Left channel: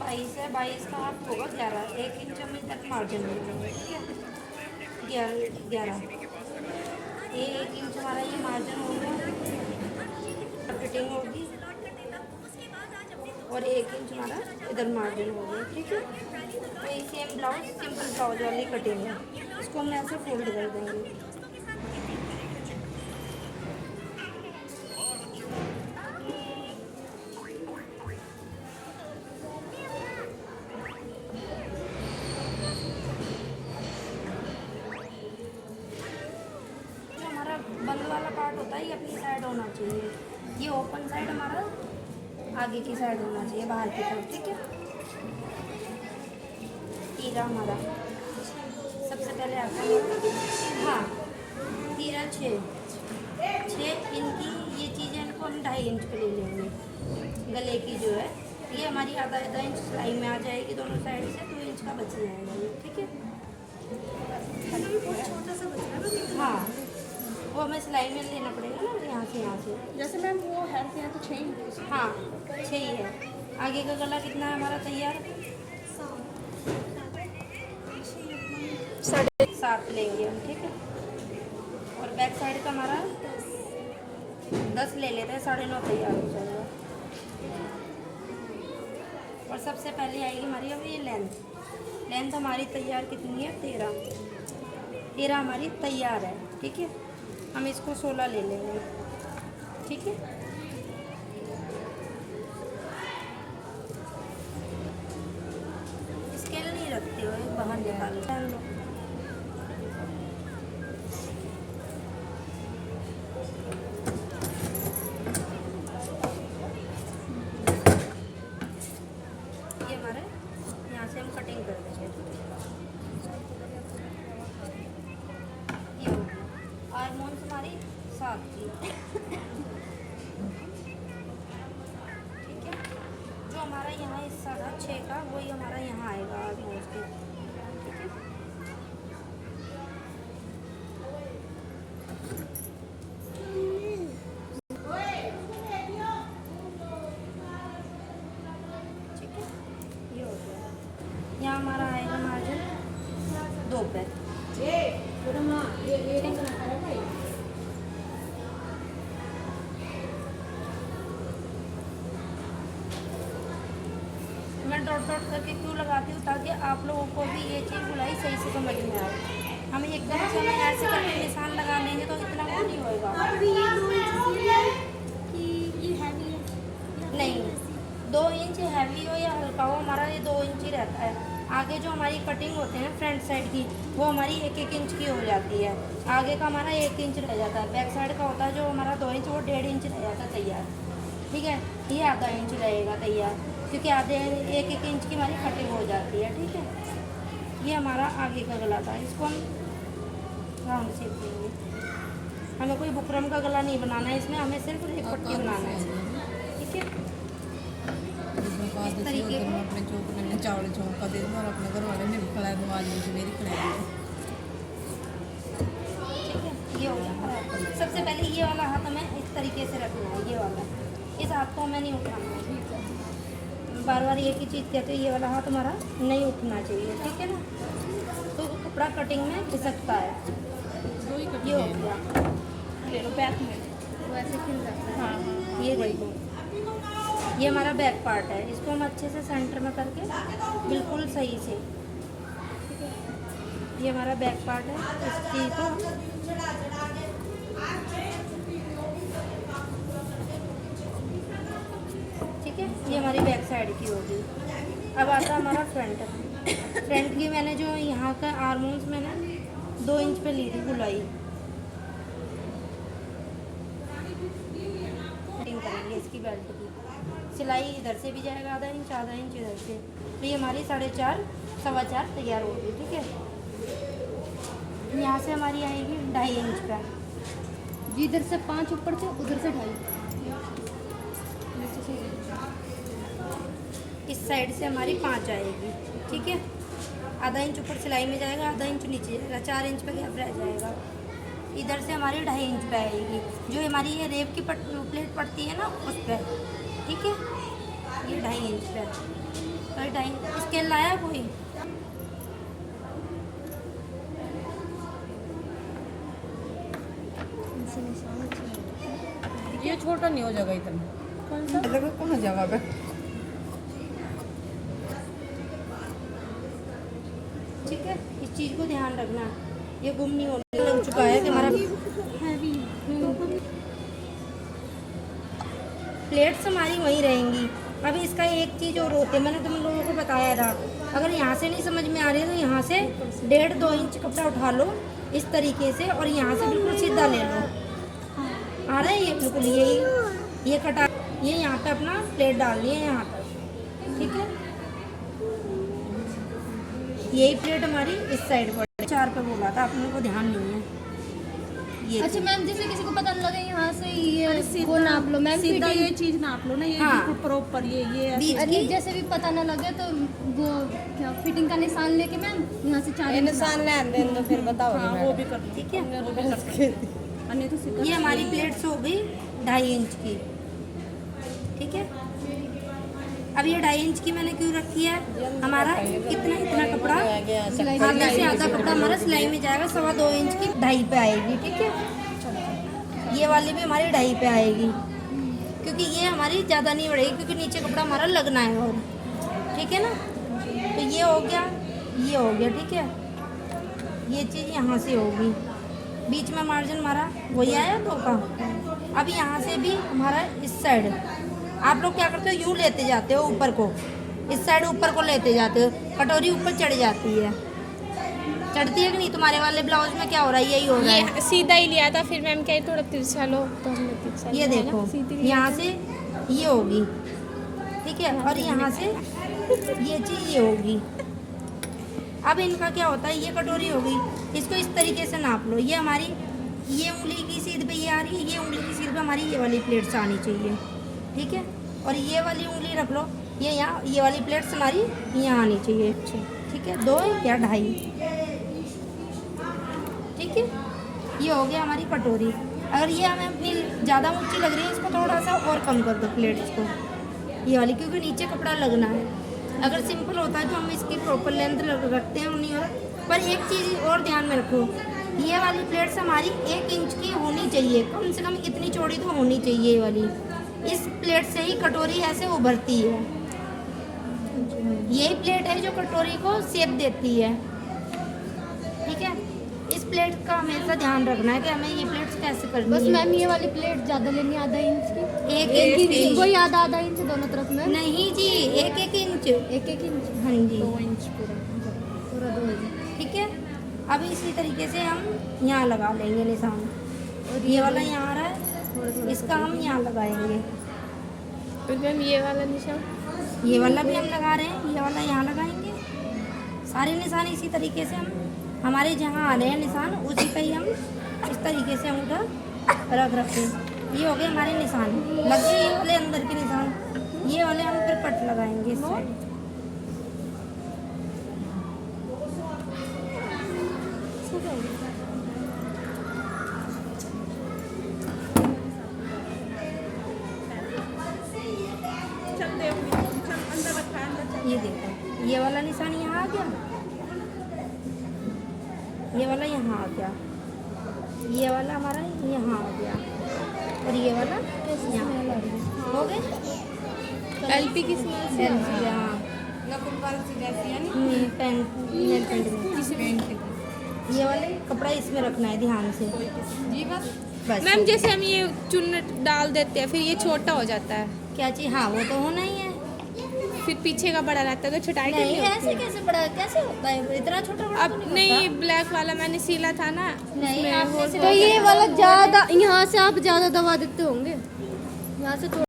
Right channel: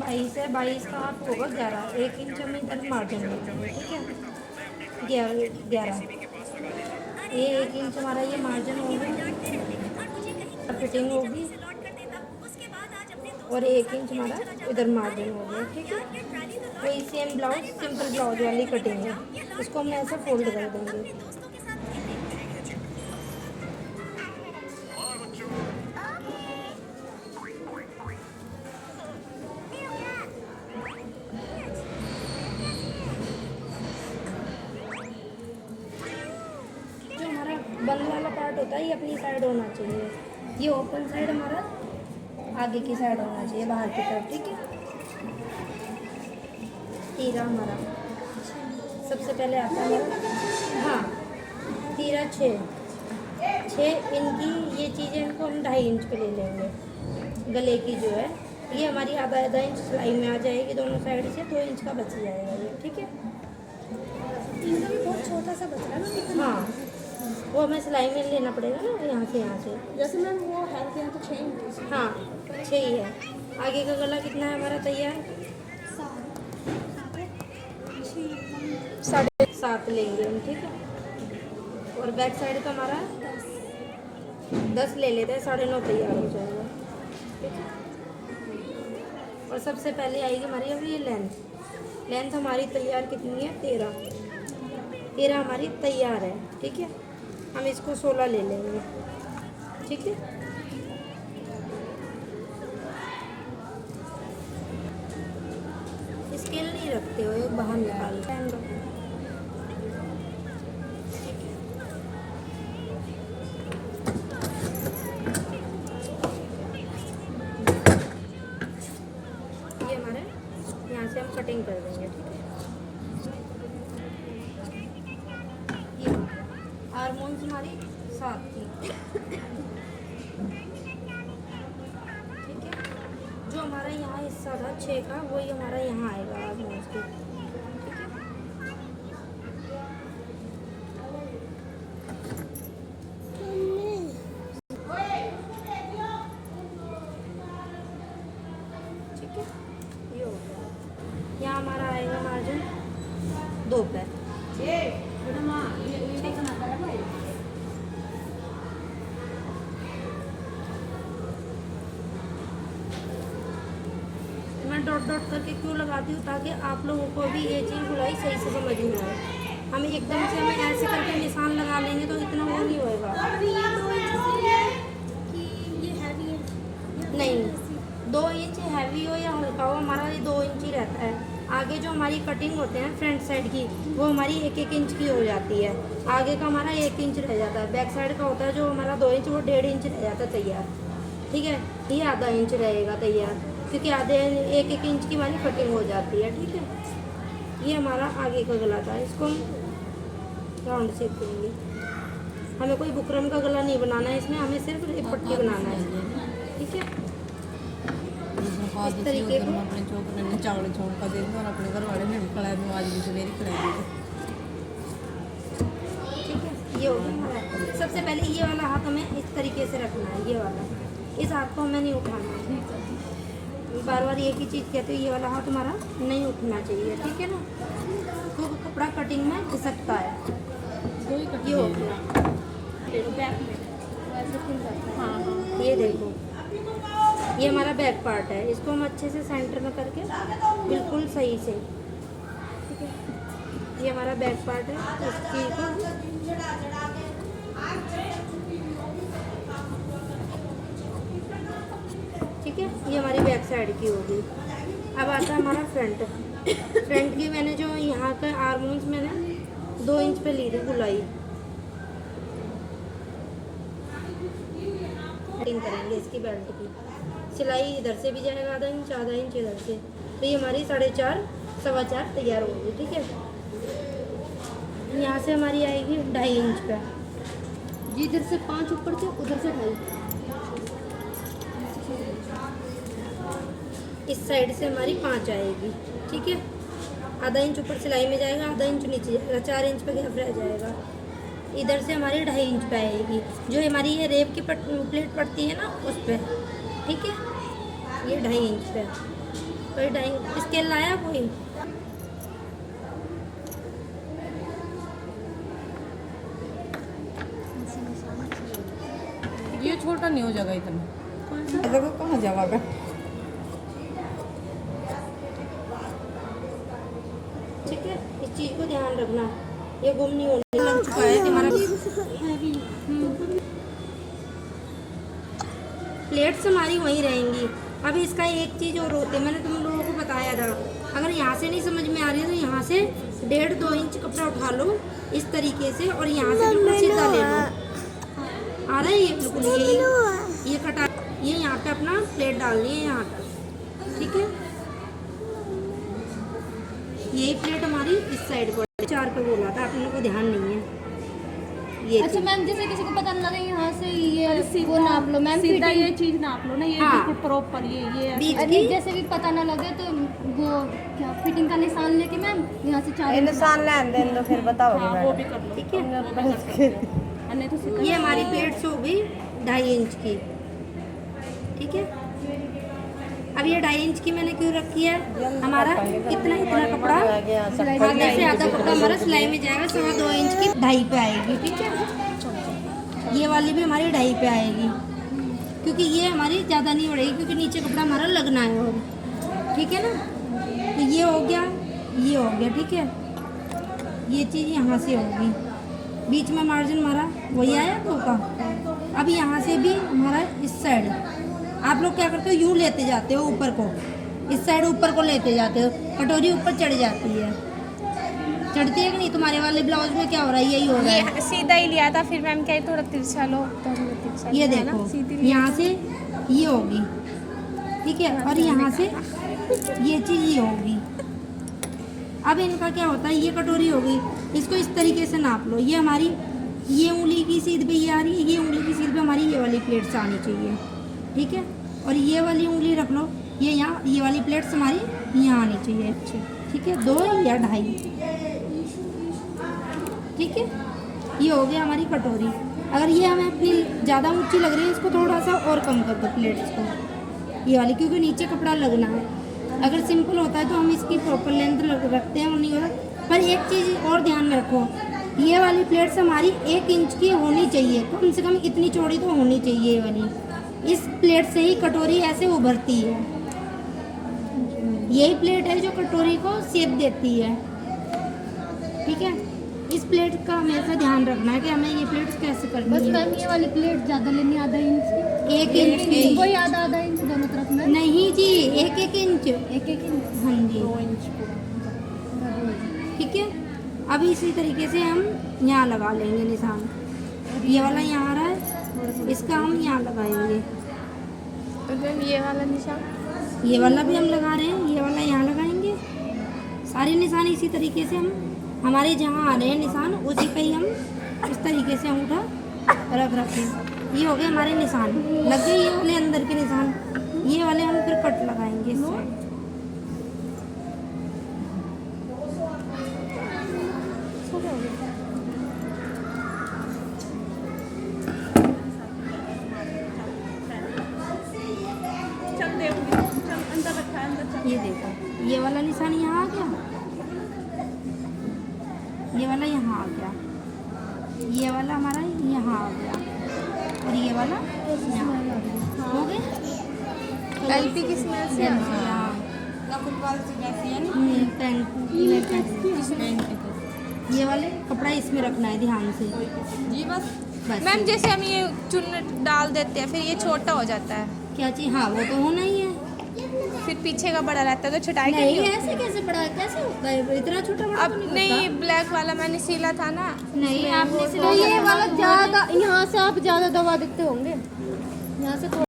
22 है, 22 का आप होगा 11, 1 इंच हम इधर मार्जिन ले लेंगे, ठीक है। 11, ये 1 इंच हमारा ये मार्जिन हो गया, फिटिंग होगी, और 1 इंच हमारा इधर मार्जिन हो गया, ठीक है। वही सेम ब्लाउज, सिंपल ब्लाउज वाली कटिंग है, इसको हम ऐसे फोल्ड कर देंगे। जो हमारा बंद वाला पार्ट होता है ये अपनी साइड होना चाहिए, ये ओपन साइड हमारा आगे की साइड होना चाहिए, बाहर की तरफ, ठीक है। तीरा हमारा सबसे पहले आता है हमारा, हाँ तीरा 6 इनकी ये चीज़ें इनको हम 2.5 इंच पे ले लेंगे। गले की जो है ये हमारी आधा इंच सिलाई में आ जाएगी दोनों साइड से, 2 इंच का बच जाएगा ये, ठीक है। बहुत छोटा सा बचा है ना। हाँ वो हमें सिलाई में लेना पड़ेगा ना, यहाँ से जैसे मैम वो है कि तो 6 इंच। हाँ 6 ही है। आगे का गला कितना है हमारा तैयार? 7.5 लेंगे हम, ठीक है। और बैक साइड का हमारा 10 ले लेते हैं, 9.5 तैयार हो जाएगा, ठीक है। और सबसे पहले आएगी हमारी अब ये लेंथ हमारी तैयार कितनी है? 13 हमारी तैयार है, ठीक है। हम इसको 16 ले लेंगे, ठीक है। स्केल नहीं रखते हो, बाहर निकालते हैं। ये हमारे यहाँ से हम कटिंग कर देंगे, ठीक है। ये हो गया। हारमोन्स हमारी 7 की, ठीक है। जो हमारा यहाँ हिस्सा था 6 का, वही हमारा यहाँ आएगा हारमोन्स के, ठीक है। ठीक है, ये हो गया। यहाँ हमारा आएगा मार्जिन 2 पैर। ये कौन सा नापा है भाई? मैं डॉट करके क्यों लगाती हूँ, ताकि आप लोगों को भी ये चीज़ बुलाई सही से समझ में आए। हम एकदम से हमें ऐसे करके निशान लगा लेंगे तो इतना वो नहीं होएगा। नहीं, 2 इंच हैवी हो या हल्का हो, हमारा ये 2 इंच ही रहता है। आगे जो हमारी कटिंग होते हैं फ्रंट साइड की, वो हमारी 1 इंच की हो जाती है। आगे का हमारा 1 इंच रह जाता है। बैक साइड का होता है जो हमारा 2 इंच, वो 1.5 इंच रह जाता है तैयार, ठीक है। ये आधा इंच रहेगा तैयार, क्योंकि आधे 1 इंच की हमारी कटिंग हो जाती है, ठीक है। ये हमारा आगे का गला था, इसको हम राउंड शेप देंगे। हमें कोई बुकरम का गला नहीं बनाना है इसमें, हमें सिर्फ एक पट्टी बनाना है, ठीक है। इस तरीके को अपने चौक चावल चौक का दे और अपने घर वाले ने भी खड़ा नवाज भी चले खड़ा। ठीक है, ये हो गया हमारा। सबसे पहले ये वाला हाथ हमें इस तरीके से रखना है, ये वाला, इस हाथ को हमें नहीं उठाना है। बार बार एक ही चीज़ कहते हैं, ये वाला हाथ हमारा नहीं उठना चाहिए, ठीक है ना। तो कपड़ा कटिंग में खिसकता है। ये हो गया, बैक में तो ऐसे खिल जाता है। हाँ ये देखो, ये हमारा बैक पार्ट है, इसको हम अच्छे से सेंटर में करके बिल्कुल सही से, ठीक है। ये हमारा बैक पार्ट है, इस चीज़ को ठीक है। ये हमारी बैक साइड की होगी। अब आता है हमारा फ्रंट की मैंने जो यहाँ का आर्मोन्स मैंने 2 इंच पे ली थी गुलाई। कटिंग करेंगे इसकी बेल्ट की, सिलाई इधर से भी जाएगा आधा इंच इधर से, तो ये हमारी 4.5 4.25 तैयार होगी, ठीक है। यहाँ से हमारी आएगी 2.5 इंच का, इधर से 5 ऊपर से उधर से 2.5। इस साइड से हमारी 5 आएगी, ठीक है। आधा इंच ऊपर सिलाई में जाएगा, आधा इंच नीचे जाएगा, 4 इंच पे गैप रह जाएगा। इधर से हमारी 2.5 इंच पे आएगी, जो हमारी ये रेप की प्लेट पड़ती है ना, उस पर, ठीक है। ये 2.5 इंच पे, कोई ढाई स्केल लाया कोई? ये छोटा नहीं हो जाएगा इतना। कौन सा? मतलब कहाँ जाएगा? ठीक है, इस चीज को ध्यान रखना, ये गुम नहीं होने लग चुका है कि हमारा प्लेट्स हमारी वहीं रहेंगी। अब इसका एक चीज और होती है, मैंने तुम लोगों को बताया था, अगर यहाँ से नहीं समझ में आ रही है तो यहाँ से 1.5-2 इंच कपड़ा उठा लो इस तरीके से और यहाँ से बिल्कुल सीधा ले लो। आ रहा है ये बिल्कुल ये कटा, ये यहाँ पे अपना प्लेट डालनी है यहाँ तक, ठीक है। यही प्लेट हमारी इस साइड पर 4 पे बोला था, आप लोगों को ध्यान नहीं है ये। अच्छा मैम, जैसे किसी को पता न लगे यहाँ से ये वो नाप लो मैम, सीधा ये चीज नाप लो ना, ये हाँ। बिल्कुल प्रॉपर ये बीच अरे की जैसे भी पता न लगे तो वो क्या फिटिंग का निशान लेके मैम यहाँ से 4 निशान लेन देन दो फिर बताओगे हाँ, वो भी कर लो, ठीक है। ये हमारी प्लेट्स हो गई 2.5 इंच की, ठीक है। अब ये 2.5 इंच की मैंने क्यों रखी है, हमारा इतना कपड़ा आधे से आधा कपड़ा हमारा सिलाई में जाएगा, 2.25 इंच की 2.5 पे आएगी, ठीक है। ये वाली भी हमारी 2.5 पे आएगी, क्योंकि ये हमारी ज़्यादा नहीं बढ़ेगी क्योंकि नीचे कपड़ा हमारा लगना है और, ठीक है ना। तो ये हो गया, ये हो गया, ठीक है। ये चीज़ यहाँ से होगी, बीच में मार्जिन हमारा वही आया तो का। अब यहाँ से भी हमारा इस साइड आप लोग क्या करते हो, यूँ लेते जाते हो ऊपर को, इस साइड ऊपर को लेते जाते हो, कटोरी ऊपर चढ़ जाती है, चढ़ती है कि नहीं? तुम्हारे वाले ब्लाउज में क्या हो रहा है, यही हो रहा है, सीधा ही लिया था, फिर मैम कही थोड़ा तिरछा लो तो हमने तिरछा ये लिया ना, देखो सीधी यहाँ से ये होगी, ठीक है, और यहाँ से ये चीज़ ये होगी। अब इनका क्या होता है, ये कटोरी होगी, इसको इस तरीके से नाप लो, ये हमारी ये उंगली की सीध पे ये आ रही है, ये उंगली की सीध पे हमारी ये वाली प्लेट्स आनी चाहिए, ठीक है। और ये वाली उंगली रख लो, ये यहाँ, ये वाली प्लेट्स हमारी यहाँ आनी चाहिए, ठीक है, 2 या 2.5, ठीक है। ये हो गया हमारी कटोरी। अगर ये हमें फील ज़्यादा ऊंची लग रही है, इसको थोड़ा सा और कम कर दो प्लेट्स को, ये वाली, क्योंकि नीचे कपड़ा लगना है। अगर सिंपल होता है तो हम इसकी प्रॉपर लेंथ रखते हैं, नहीं हो रहा। पर एक चीज़ और ध्यान में रखो, ये वाली प्लेट्स हमारी 1 इंच की होनी चाहिए, कम से कम इतनी चौड़ी तो होनी चाहिए ये वाली। इस प्लेट से ही कटोरी ऐसे उभरती है, यही प्लेट है जो कटोरी को शेप देती है, ठीक है। इस प्लेट का हमेशा ध्यान रखना है कि हमें ये प्लेट्स कैसे करनी बस है। मैम ये वाली प्लेट ज़्यादा लेनी, आधा इंच की, 1 इंच की वही आधा इंच दोनों तरफ में, नहीं जी, 1-1 इंच, 1-1 इंच, हाँ जी, 2 इंच पूरा 2 इंच। ठीक है। अब इसी तरीके से हम यहाँ लगा लेंगे निशान, ये वाला यहाँ आ रहा है, इसका हम यहाँ लगाएंगे, और मैम ये वाला निशान, ये वाला भी हम लगा रहे हैं, ये वाला यहाँ लगाएंगे। सारे निशान इसी तरीके से हम, हमारे जहाँ आ रहे हैं निशान उसी का ही हम इस तरीके से हम रख रखते हैं। ये हो गए हमारे निशान, लग गए ये वाले अंदर के निशान, ये वाले हम फिर कट लगाएंगे इस साइड। ये देखो, ये वाला निशान यहाँ आ गया, ये वाला यहाँ आ गया, ये वाला हमारा यहाँ आ गया, और ये वाला यहाँ आ गया। हो गए एलपी की स्मेल से आती है। ये वाले कपड़ा इसमें रखना है ध्यान से जी, बस मैम जैसे हम ये चुन डाल देते हैं फिर ये छोटा हो जाता है, क्या चीज़, हाँ वो तो होना ही है। फिर पीछे का बड़ा रहता है तो छुटाई नहीं नहीं ऐसे कैसे बड़ा, कैसे होता है इतना छोटा बड़ा? अब नहीं, ब्लैक वाला मैंने सिला था ना, नहीं आपने तो ये वाला ज़्यादा, यहाँ से आप ज़्यादा दबा देते होंगे, यहाँ से